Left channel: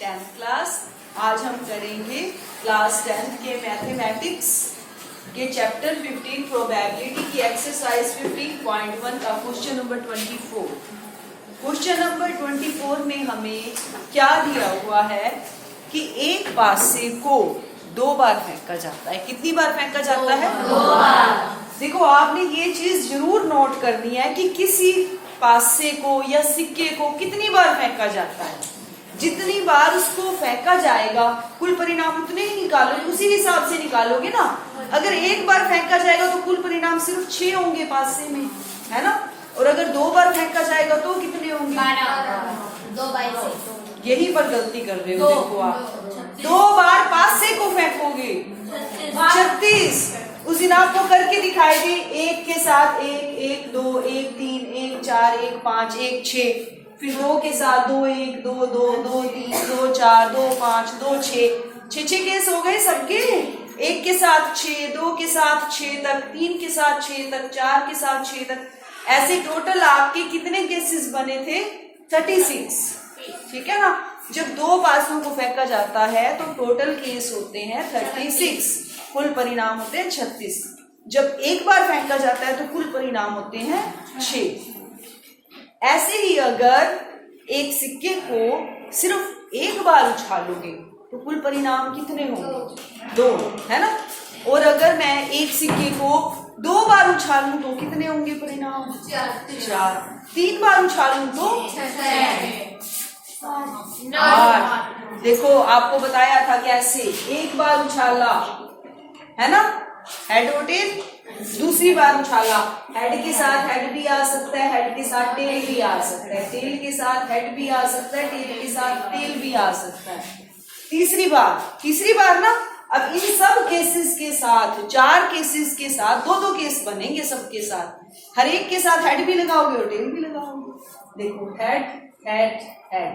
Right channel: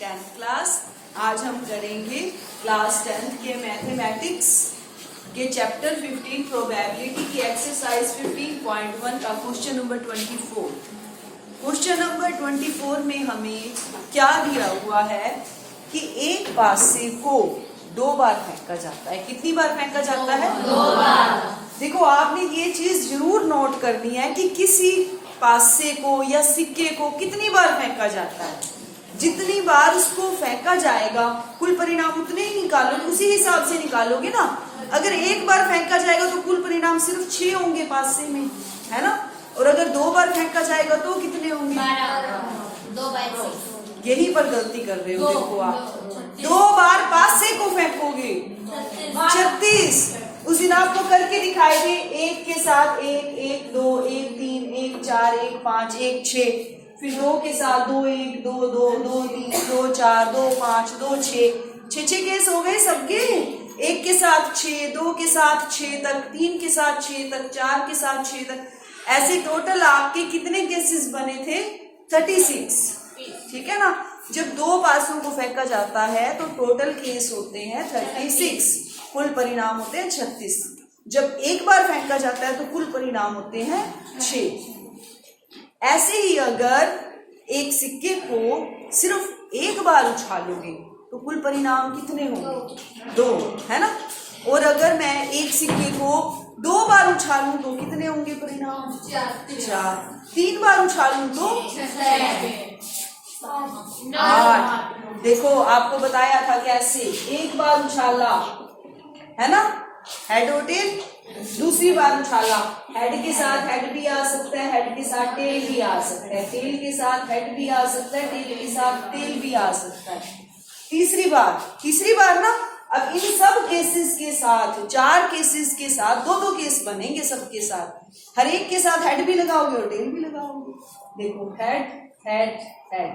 10th class. आज हम करेंगे क्लास 10th के मैथमेटिक्स के चैप्टर 15 प्रोबेबिलिटी की एक्सरसाइज 15.1 का क्वेश्चन नंबर 24। क्वेश्चन नंबर 24 में हमें क्या दिया हुआ है कि एक पासे को 2 बार फेंका जाता है। कितनी बार फेंका जाता है? 2 बार। देखो, आपने ये चीज जरूर नोट करनी है कि किसी पासे को या सिक्के को कितनी बार फेंका जाता है। जितनी बार उसको फेंका जाएगा कुल परिणाम उतने ही निकालोगे, उसी हिसाब से निकालोगे ना। अगर एक बार फेंका जाएगा तो कुल परिणाम सिर्फ 6 होंगे पासे में, है ना। और अगर 2 बार फेंका जाएगा तो कितने होंगे? 12। यही पर गलती कर रहे हो। देखो, आप 2 बार पासे को फेंकोगे 36। उस दिन आपको करके दिखाएंगे। 1 के साथ 1, 1 2, 1 3, 1 4, 1 5, 1 6। फिर 2 के साथ 2 1, 2 2, 2 3, 2 4, 2 5, 2 6 6 केस हो गए सबके। 1 के साथ 6, 2 के साथ 6 तक, 3 के साथ 6 तक, 4 के साथ 6 तक, ऐसे टोटल आपके कितने केसेस बने थे? 36। ठीक है ना। जब 2 पासों को फेंका जाता है तो टोटल केस होते हैं 36, कुल परिणाम होते हैं 36। जब एक बार फेंका जाता है तो कुल परिणाम होते हैं 6। ऐसे ही अगर एक सिक्के को सिर्फ एक बार उछालोगे तो कुल परिणाम कितने होंगे? 2, है ना। और अगर मैं एक सिक्के को 2 बार उछालूं तो कितने होंगे परिणाम? 4। 3 बार उछालूं तो 8। देखो, आपको बताया था कैसे। एक बार उछाला, है ना, हेड और टेल। दूसरी बार उछाला, हेड के साथ हेड भी आ सकता है, हेड के साथ टेल भी आ सकता है, टेल के साथ हेड भी आ सकता है, टेल के साथ टेल भी आ सकता है। तीसरी बार ना, अब इन सब केसेस के साथ, 4 केसेस के साथ 2-2 केस बनेंगे सबके साथ। हर एक के साथ हेड भी लगाओगे और टेल भी लगाओगे। देखो, हेड हेड हेड,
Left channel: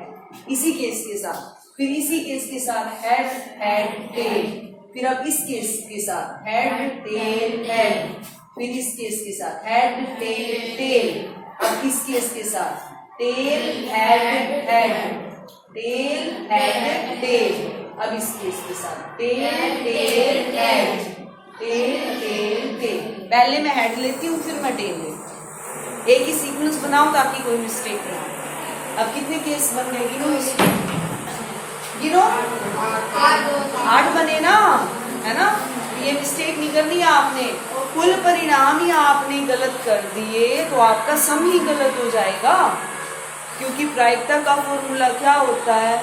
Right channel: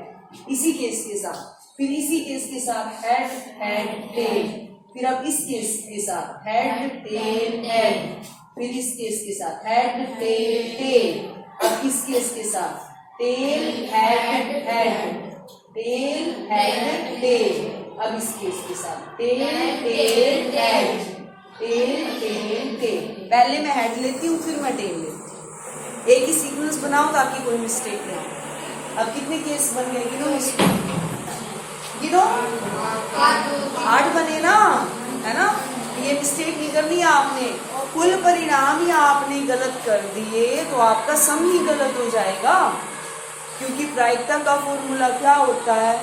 इसी केस के साथ, फिर इसी केस के साथ हेड हेड टेल, फिर अब इस केस के साथ हेड टेल हेड, फिर इस केस के साथ हेड टेल टेल, अब इस केस के साथ tail head head, tail head tail, अब इस केस के साथ tail tail head, tail tail tail. पहले मैं हेड लेती हूँ, फिर मैं टेल लेती हूँ। एक ही सीक्वेंस बनाओ ताकि कोई मिस्टेक ना हो। अब कितने केस बन गए? गिनो 8 बने ना, है ना। ये मिस्टेक नहीं करनी है आपने। कुल परिणाम ही आपने गलत कर दिए तो आपका सम ही गलत हो जाएगा, क्योंकि प्रायिकता का फॉर्मूला क्या होता है?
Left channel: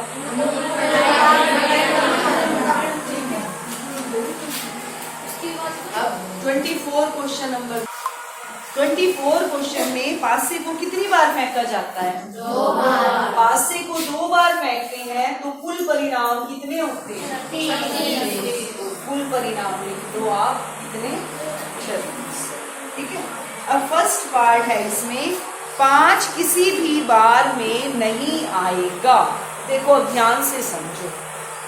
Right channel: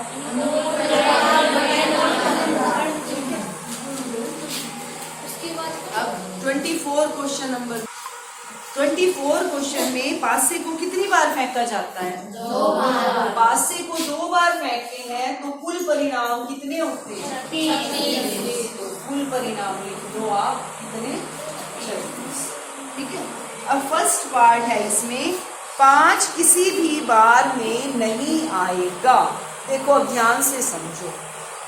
24 क्वेश्चन नंबर 24 क्वेश्चन में पासे को कितनी बार फेंका जाता है? 2 बार। पासे को 2 बार फेंकते हैं तो कुल परिणाम कितने होते हैं? 36। कुल परिणाम लिख दो आप, कितने? 36। ठीक है। अब फर्स्ट पार्ट है इसमें, 5 किसी भी बार में नहीं आएगा। देखो, अब ध्यान से समझो।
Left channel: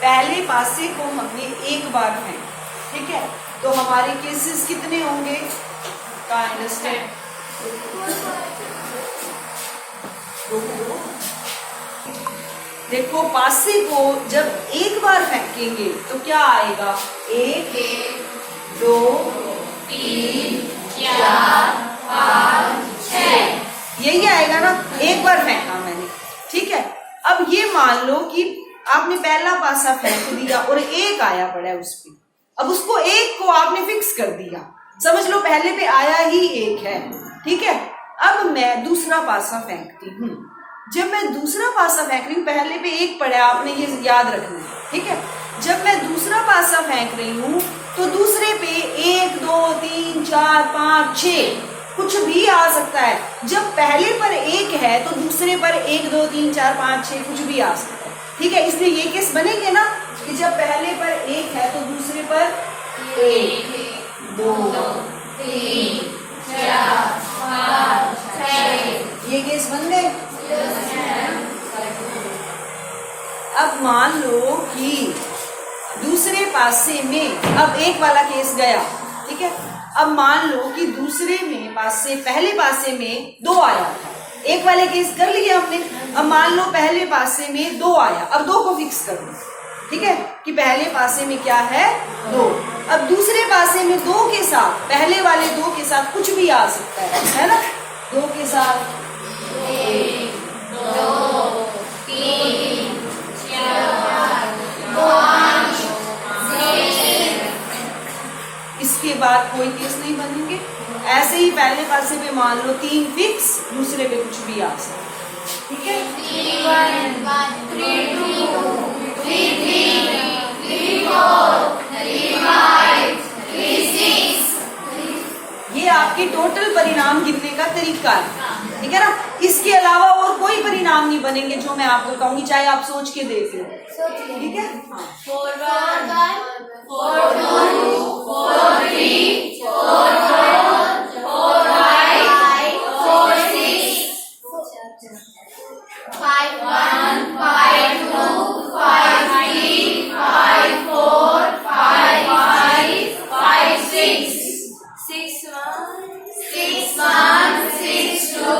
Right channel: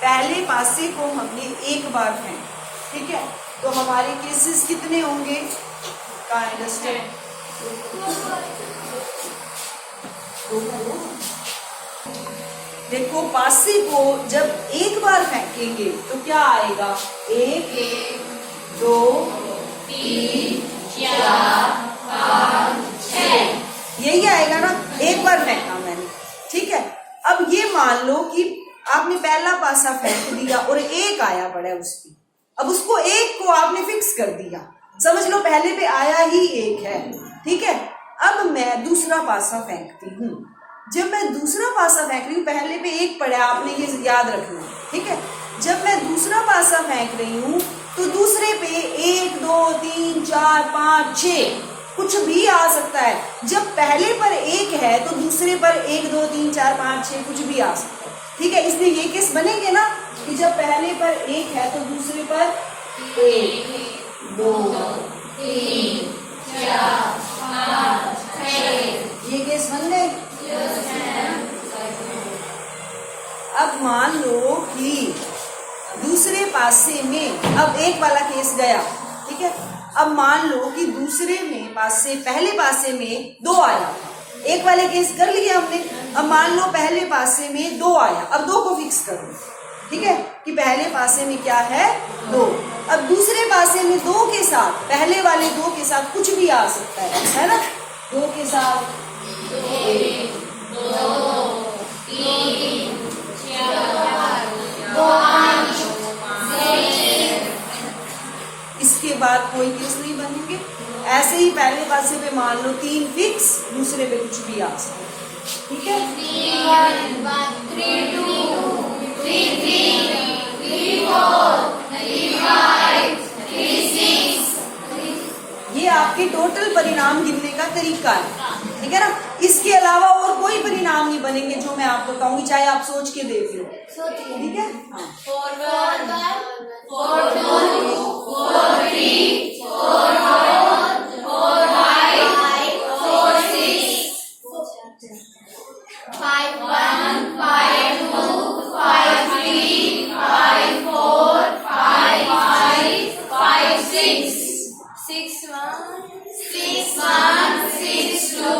पहले पासे को हमने एक बार फेंका, ठीक है, तो हमारे केसेस कितने होंगे? का अंडरस्टैंड। देखो, पासे को जब एक बार फेंकेंगे तो क्या आएगा? 1 2 3 4 5 6, यही आएगा ना। एक बार फेंका मैंने, ठीक है। अब ये मान लो कि आपने पहला पासा फेंक दिया और 1 आया पड़ा है उस पे। अब उसको 1 को आपने फिक्स कर दिया, समझ लो पहले पे आया ही 1 है, ठीक है। अब मैं दूसरा पासा फेंकती हूँ। जब मैं दूसरा पासा फेंक रही हूँ, पहले पे 1 पड़ा है, आपने ये याद रखना है, ठीक है। जब मैं दूसरा पासा फेंक रही हूँ तो दूसरे पे 1 2 3 4 5 6 कुछ भी आ सकता है। जब पहले पर 1 है तो दूसरे पर 1 2 3 4 5 6 कुछ भी आ सकता है, ठीक है। इसलिए ये केस बनेंगे ना कि जब पहले पर 1 है तो दूसरे पर 1 2 3 4 5 6, ये केस बन गए। अब मान लो कि दूसरे पासे में, अब 1 वाला केस गया, ठीक है। अब मान लो कि दूसरे में पासे, पहले पासे में 2 आया था, 1 वाले केस कर लिया हमने। अब मान लो पहले पासे में 2 आया, अब 2 को फिक्स कर लो, ठीक है, कि पहले पासे में क्या है 2। अब दूसरे पासे में 2 के साथ, पहले वाले 2 के साथ कुछ भी आ सकता है ना। 2 के साथ 1, 2, 3, 4, 5, 6। इसके बाद कोई केस नहीं बनेंगे। ऐसे ही पहले पासे पे मान लो 3 फिक्स, दूसरे पे कुछ भी आ सकता है, ठीक है। 3, 1, 3, 2, 3, 3, 4, 3, 5, 3, 6। ये आपके टोटल परिणाम गिनने का तरीका है, ठीक है ना। इसके अलावा और कोई परिणाम नहीं बनेंगे जो मैं आपको कहूंगी, चाहे आप सोच के देख लो, ठीक है। हाँ, 4, 1, 4, 2, 4, 3, 4, 4, 4, 5, 4, 6, 5, 1, 5, 2, 5, 3, 5, 4, 5, 5, 5, 6, 6, 1, 6, 1, 6, 2,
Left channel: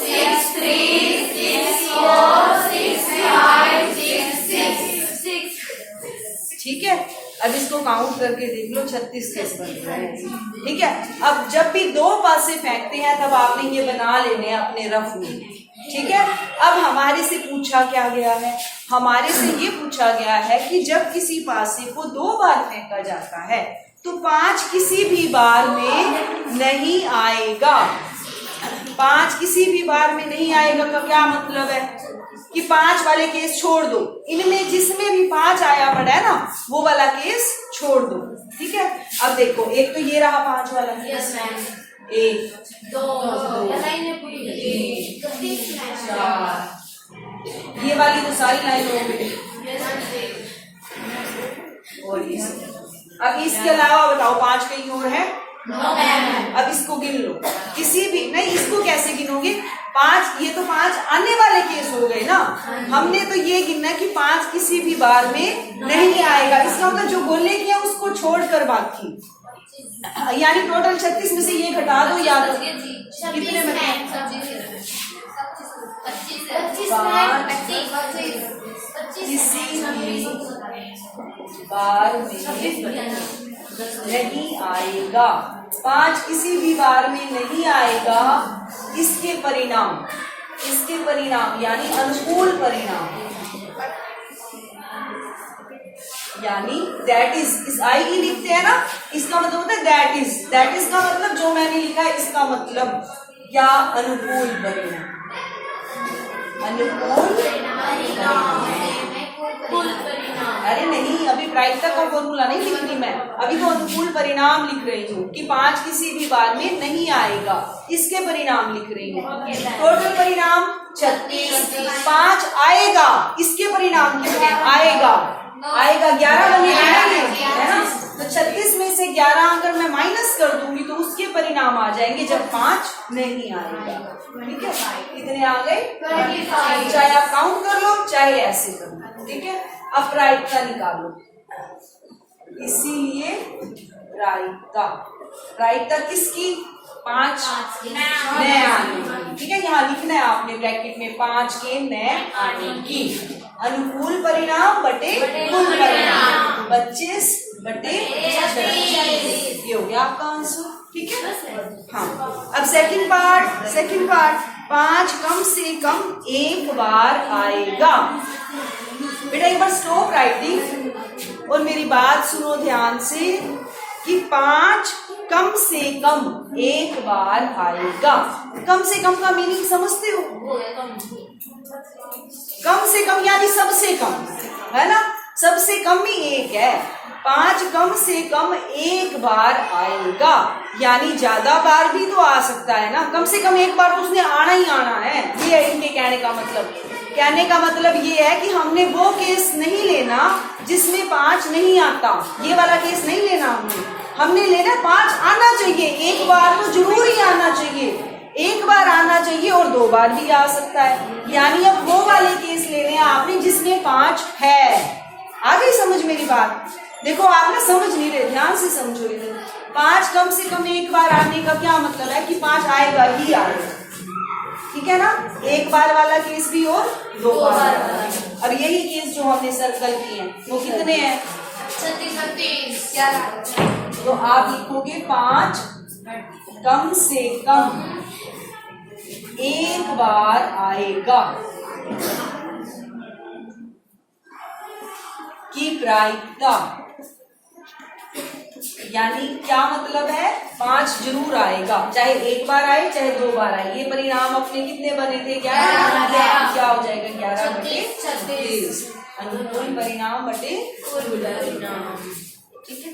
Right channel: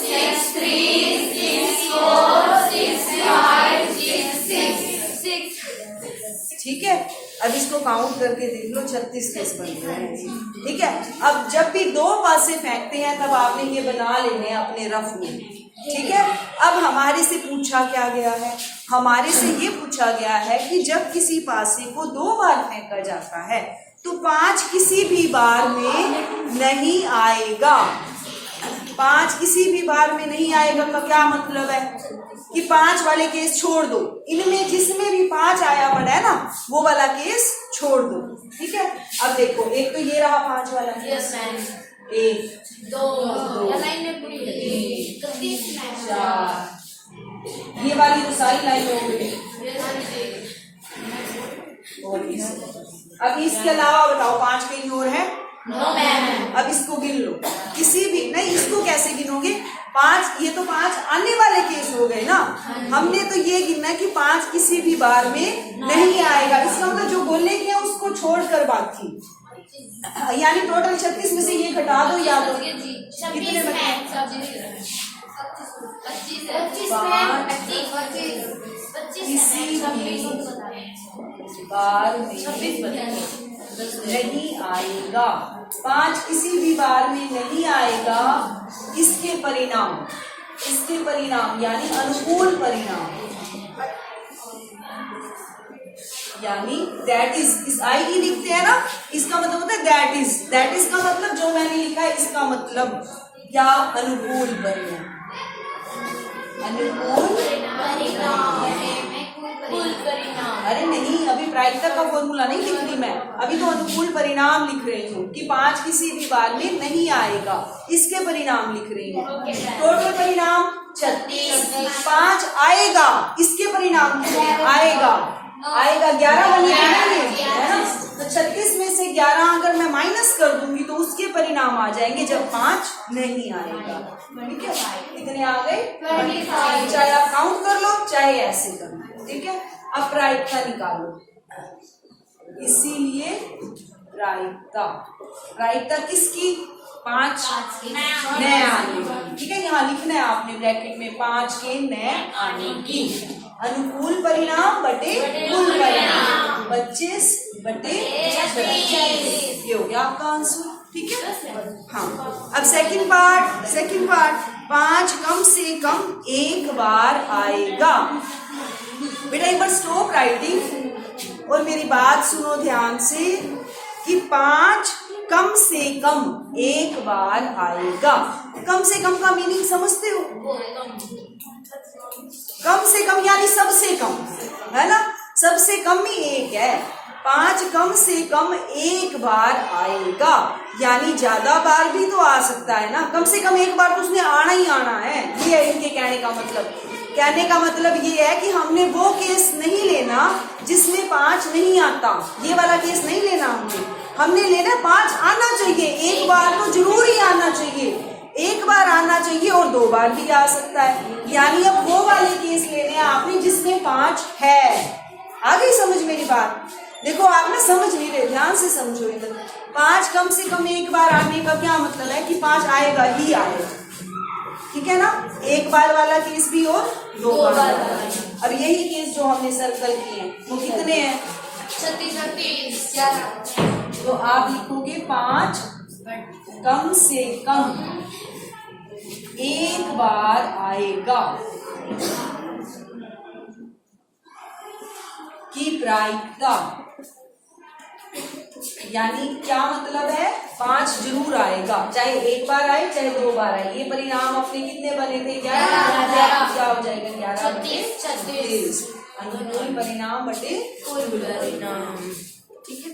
6, 3, 6, 4, 6, 5, 6, 6, ठीक है। अब इसको काउंट करके देख लो, 36 केस बन रहे हैं, ठीक है। अब जब भी 2 पासे फेंकते हैं तब आपने ये बना लेने अपने रफ में, ठीक है। अब हमारे से पूछा क्या गया है, हमारे से ये पूछा गया है कि जब किसी पासे को 2 बार फेंका जाता है तो 5 किसी भी बार में नहीं आएगा। 5 किसी भी बार में नहीं आएगा का क्या मतलब है कि 5 वाले केस छोड़ दो, इनमें जिसमें भी 5 आया पड़ा है ना वो वाला केस छोड़ दो, ठीक है। अब देखो, एक तो ये रहा 5 वाला केस, 1, 2, 3, 4, ये वाली तो सारी लाइन हो गई। और अब इसके अलावा बताओ 5 कहीं और है? अब इसको गिन लो, किसी भी नहीं, इसको कैसे गिनोगे? 5, ये तो 5 आने वाले केस हो गए ना। हमने तो ये गिनना कि 5 किसी भी बार में नहीं आएगा, इसका मतलब जो बोलने किया उसको छोड़कर बाकी, यानी टोटल 36 में से ये घटा दो, या तो कितने में किसी भी बार में नहीं आएगा। 5 किसी भी बार में नहीं आएगा। इसके परिणाम यानी अनुकूल परिणाम, यानी दैट इज, आई ई लिखते हैं ना, इसका मतलब होता है दैट इज का मतलब जो मैंने लिखा है इसका मतलब क्या, अनुकूल परिणाम। अरे नहीं, अभी प्रायिकता का फॉर्मूला नहीं लिख रही मैं, अभी तो अनुकूल परिणाम लिख रही हूँ कि 5 किसी भी बार में नहीं आएगा, इसके परिणाम लिख रही हूँ। टोटल परिणाम 36, 5 आएगा, इसके परिणाम आएगा 11 बने है ना, तो 36 में से 11 अगर मैं माइनस कर दूंगी तो उसके परिणाम आ जाएंगे जब 5 नहीं आएगा, ठीक है। कितने आ गए? चाहे आप काउंट कर लो चाहे ऐसे कर लो, ठीक है। अब प्रायिकता निकालो, इसीलिए प्रायिकता किसकी? 5 नए आने की, ठीक है। यहाँ लिखना है आपने ब्रैकेट में 5 के नए आने की। अनुकूल परिणाम बटे कुल परिणाम 25 बटे 36, ये हो गया आपका आंसर, ठीक है। हाँ, अब सेकंड पार्ट 5 कम से कम एक बार आएगा। बेटा एक बार स्टॉप राइटिंग और मेरी बात सुनो ध्यान से कि 5 कम से कम एक बार आएगा। कम से कम का मीनिंग समझते हो? कम से कम यानी सबसे कम, है ना, सबसे कम ही एक है। 5 कम से कम एक बार आएगा, यानी ज्यादा बार भी तो आ सकता है ना, कम से कम एक बार तो उसने आना ही आना है। ये है इनके कहने का मतलब। कहने का मतलब ये है कि हमने वो केस नहीं लेना जिसमें 5 नहीं आता, ये वाला केस नहीं लेना हमने लेना 5 आना चाहिए, एक बार तो जरूर ही आना चाहिए, एक बार आना चाहिए और 2 बार भी आ सकता है। यानी अब वो वाले केस लेने हैं आपने जिसमें 5 है। आ गई समझ मेरी बात? देखो आप ना समझ नहीं रहे, ध्यान से समझो इधर। 5 कम से कम एक बार आने का क्या मतलब है कि 5 आएगा ही आएगा, ठीक है ना, एक बार वाला केस भी और दो बार बार वाला। वाला। अब यही केस जो हमने सर्कल किए हैं वो कितने हैं? 36 तो आप लिखोगे 5 कम से कम एक बार आएगा की प्रायिकता, यानी क्या मतलब है? 5 जरूर आएगा, चाहे एक बार आए चाहे 2 बार आए। ये परिणाम अपने कितने बने थे? 11। क्या हो जाएगा? 11/36 अनुकूल परिणाम बटे कुल परिणाम। ठीक है।